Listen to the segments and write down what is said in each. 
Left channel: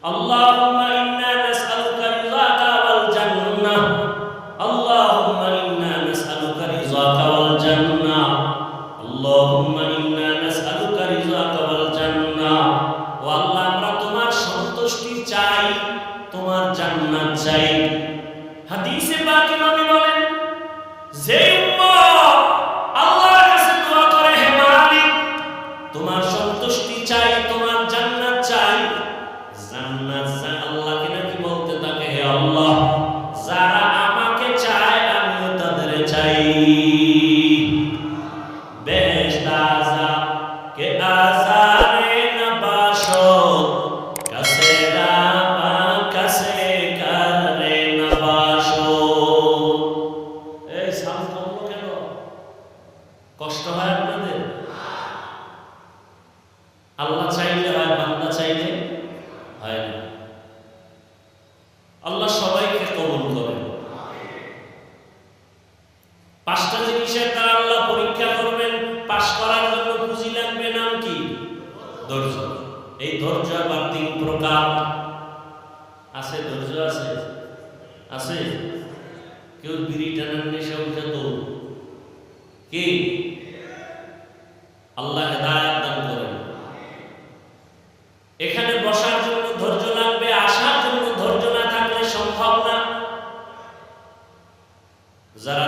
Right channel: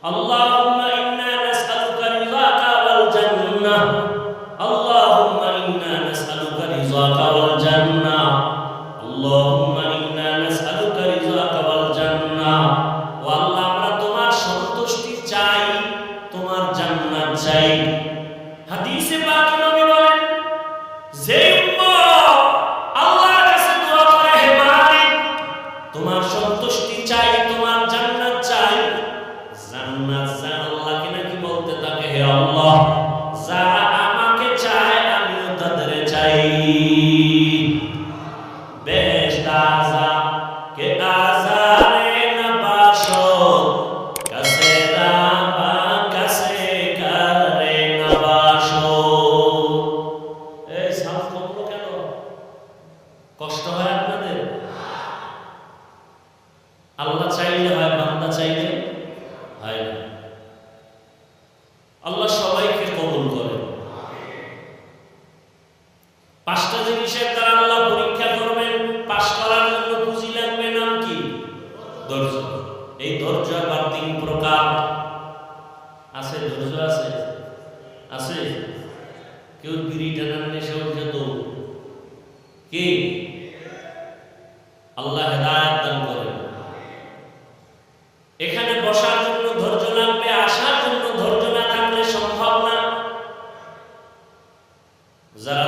اللهم إنا نسألك رضاك والجنة اللهم إنا نسألك رضاك والجنة اللهم إنا نسألك رضاك والجنة والله আমরা তোমার সন্তুষ্টি চাই তোমার জান্নাত চাই হাদিসে পাকে নবী الرحيم জবাব আছে, ধৈর্য আছে? আছে। কেউ বিড়ি টানার নেশা উঠে তো? কে? আল্লাহ হেদায়ত দান করে এখানে বসার জন্য ধৈর্য লাগবে, আসার জন্য ধৈর্য না থাকলে সম্ভব না। যারা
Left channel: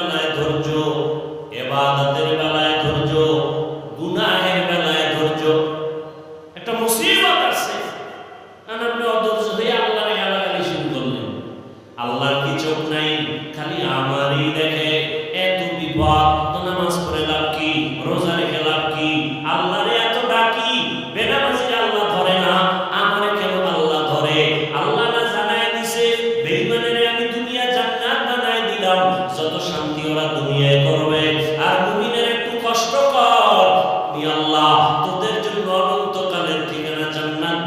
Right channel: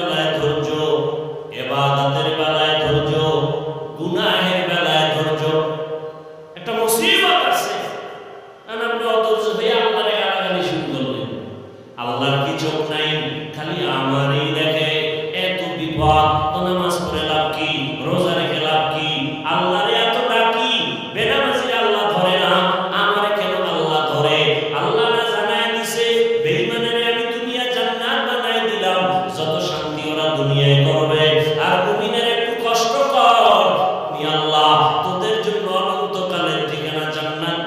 বেলায় ধৈর্য এবাদাতের বেলায় ধৈর্য গুনাহের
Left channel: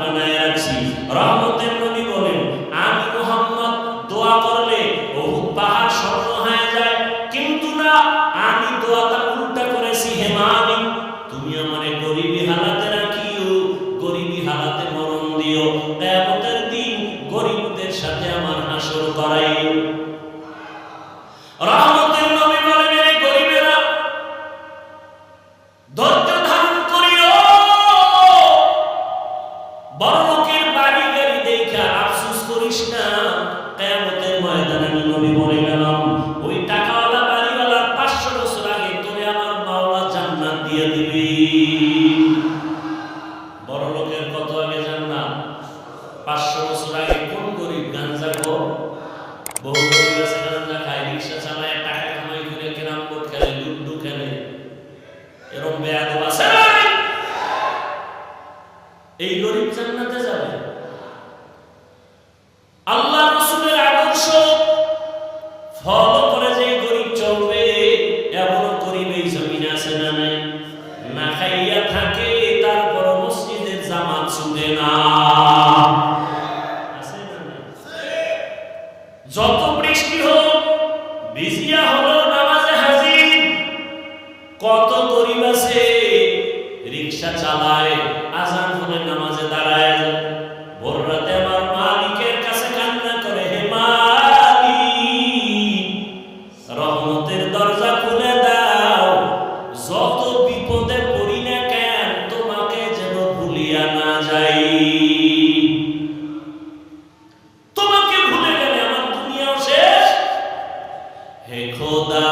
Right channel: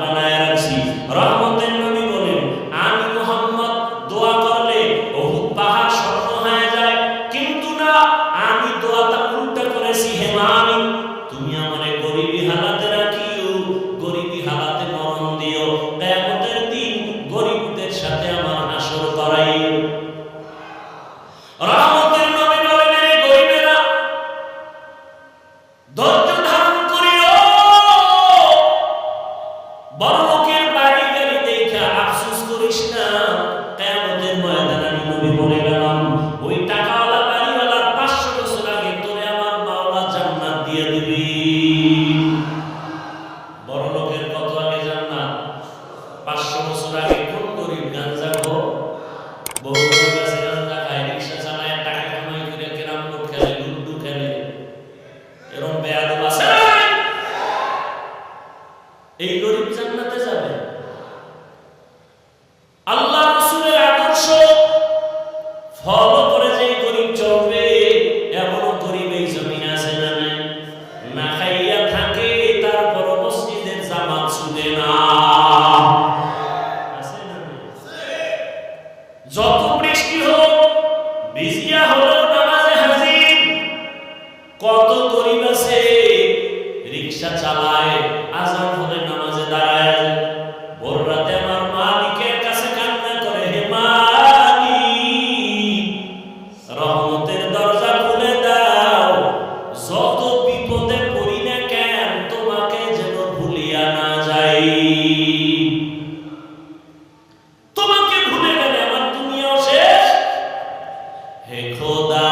বানায় রাখছি রহমতের যত বৃষ্টি হোক ভিজিয়া হলো নামাজে হাজির। কত গরিব আছে, রিক্সা চালায়, আজান হলে নামাজে দাঁড়ায়। ভোর রাতে আমার খোদা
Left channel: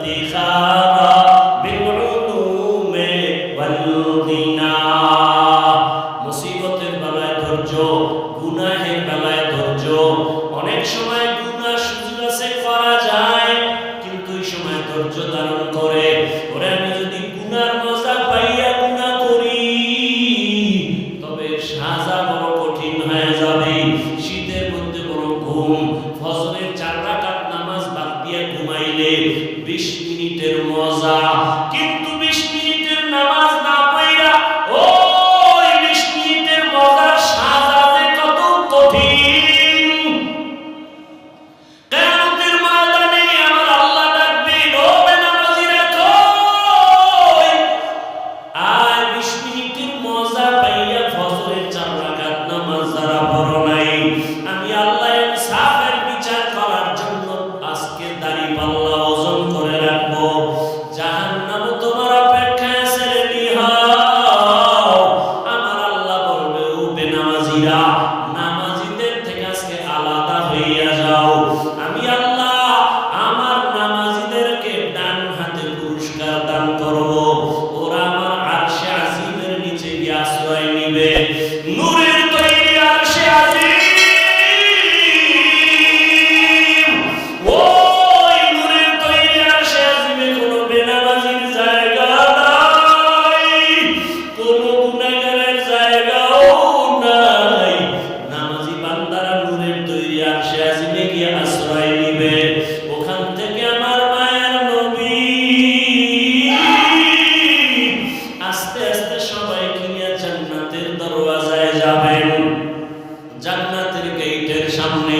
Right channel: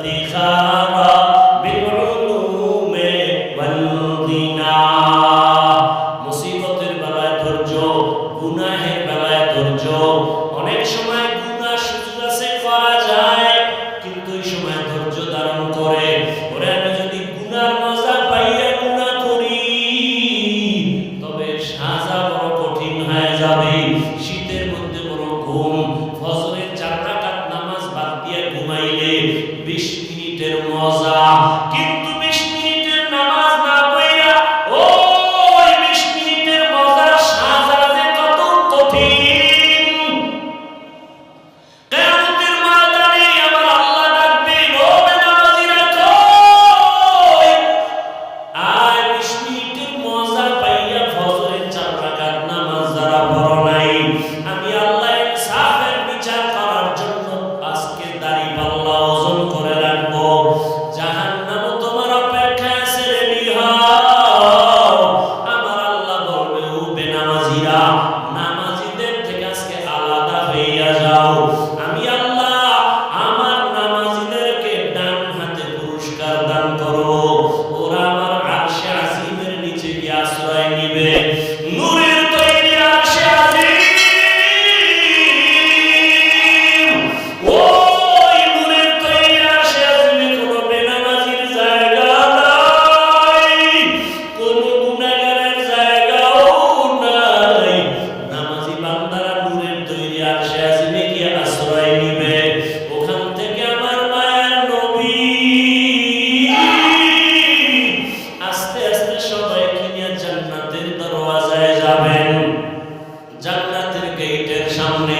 فاتحة যাবেন। জান্নাতের গেইটের সামনে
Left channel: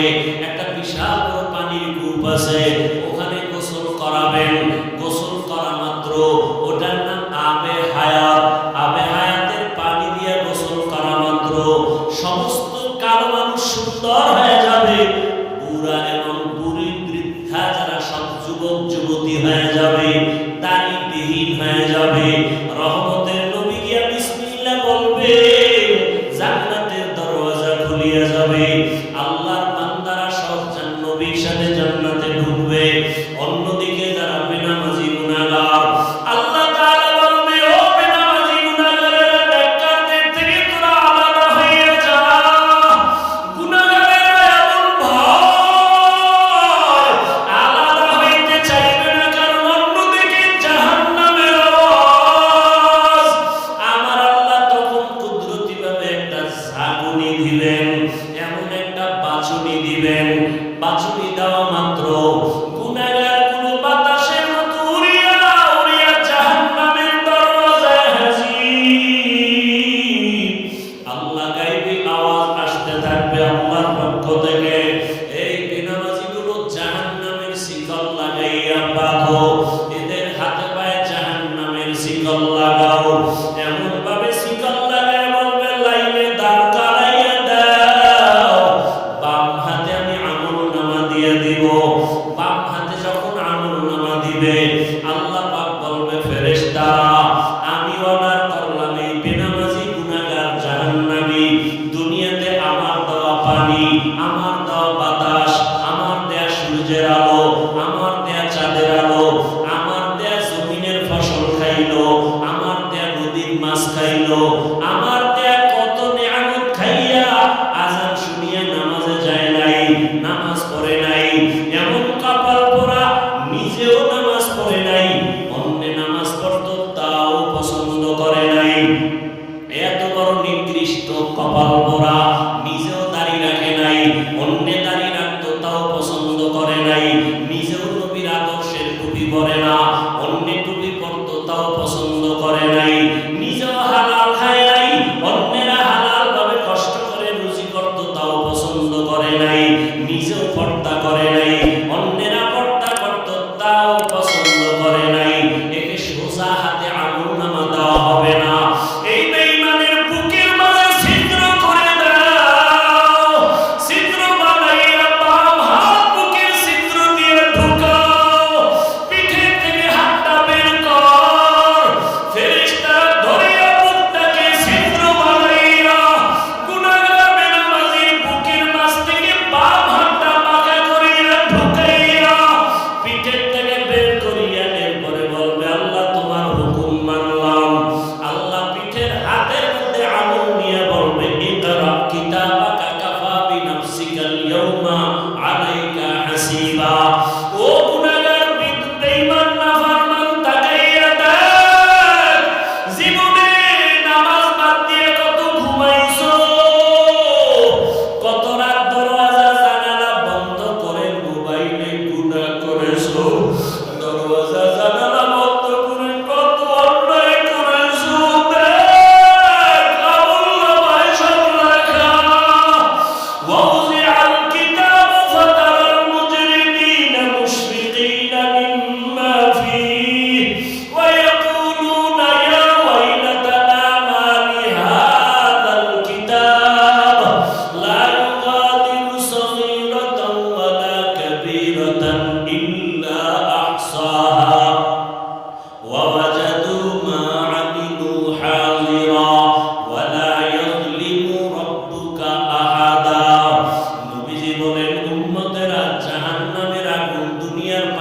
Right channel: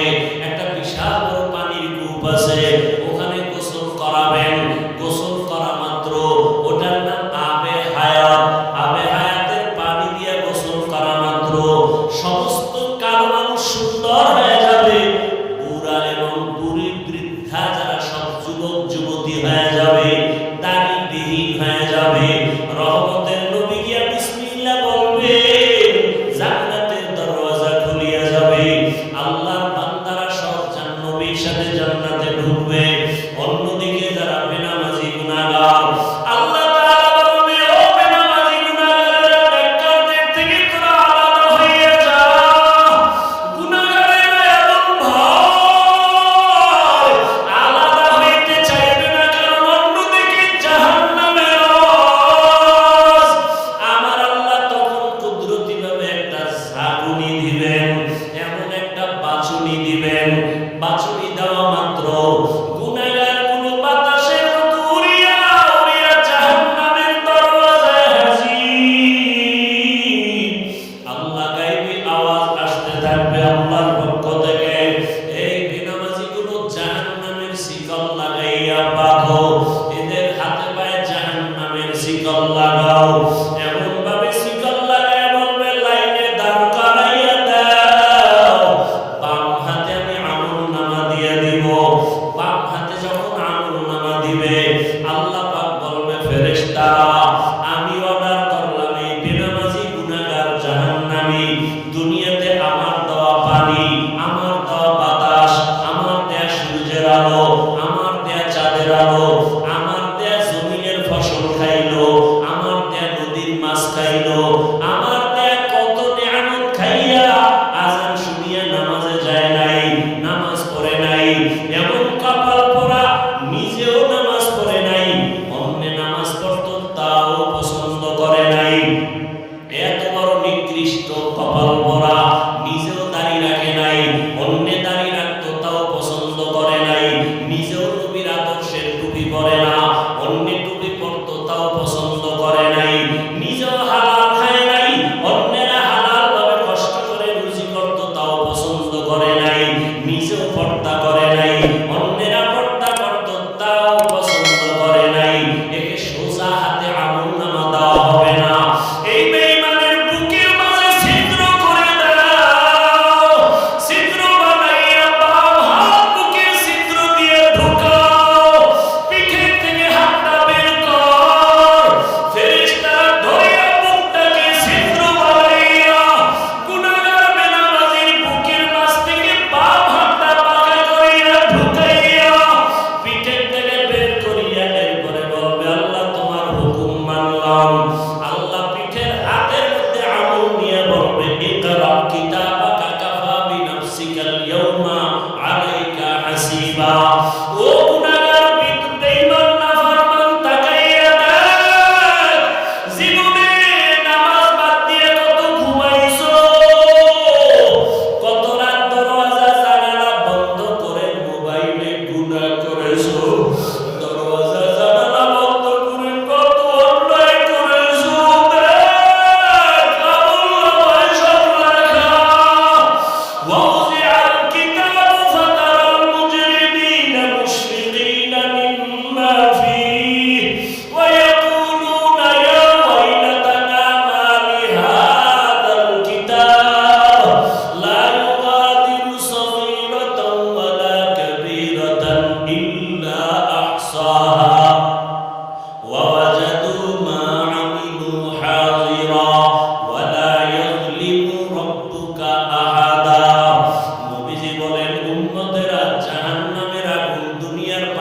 গাইবি আওয়াজ আসতে থাকবে আমার পক্ষ থেকে। চাঁদের আলো আমার দেয়া জমিনের ফসল খাইলো আমার দেয়া নদীর মাছ খাইলো আমার পর্দা করে নাই।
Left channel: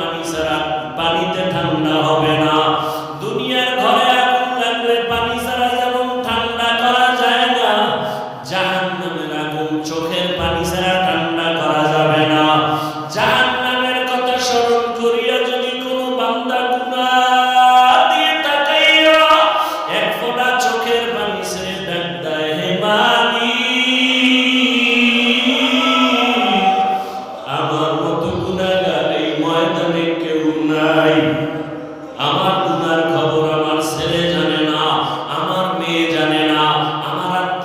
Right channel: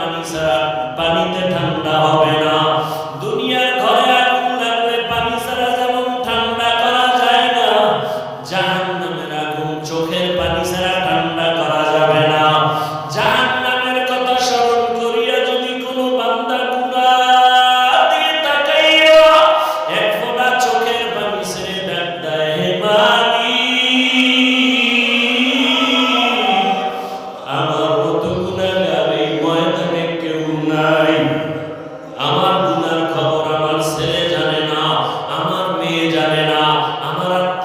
পানি ছাড়া পানিতে ঠান্ডা হবে না। দুনিয়ার ঘরে আর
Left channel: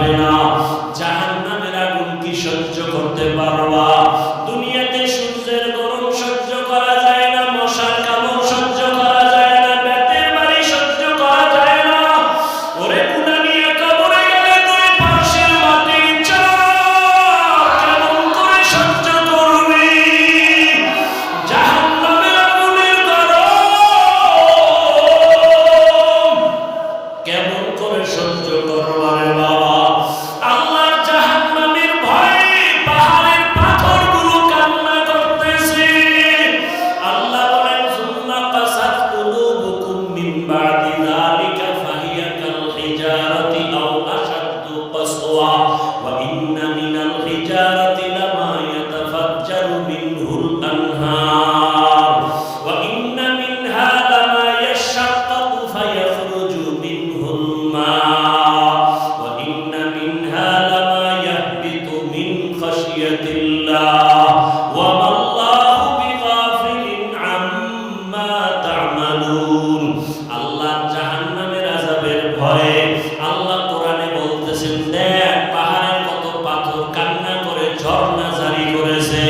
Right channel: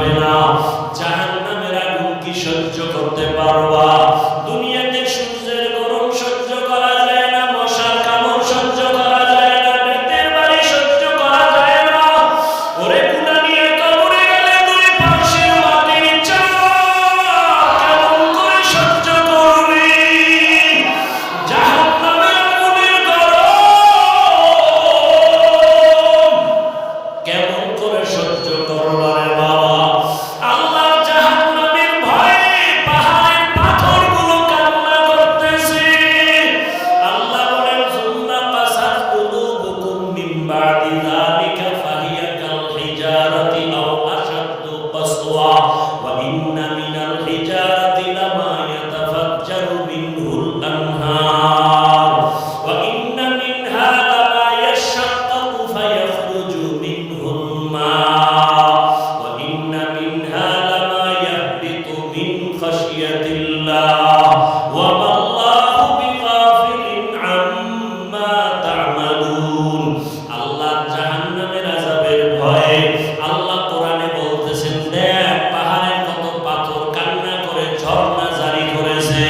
পারবে না। জাহান্নামের আগুন কি সহ্য করতে পারবা? দুনিয়াতে সূর্যের করেছে।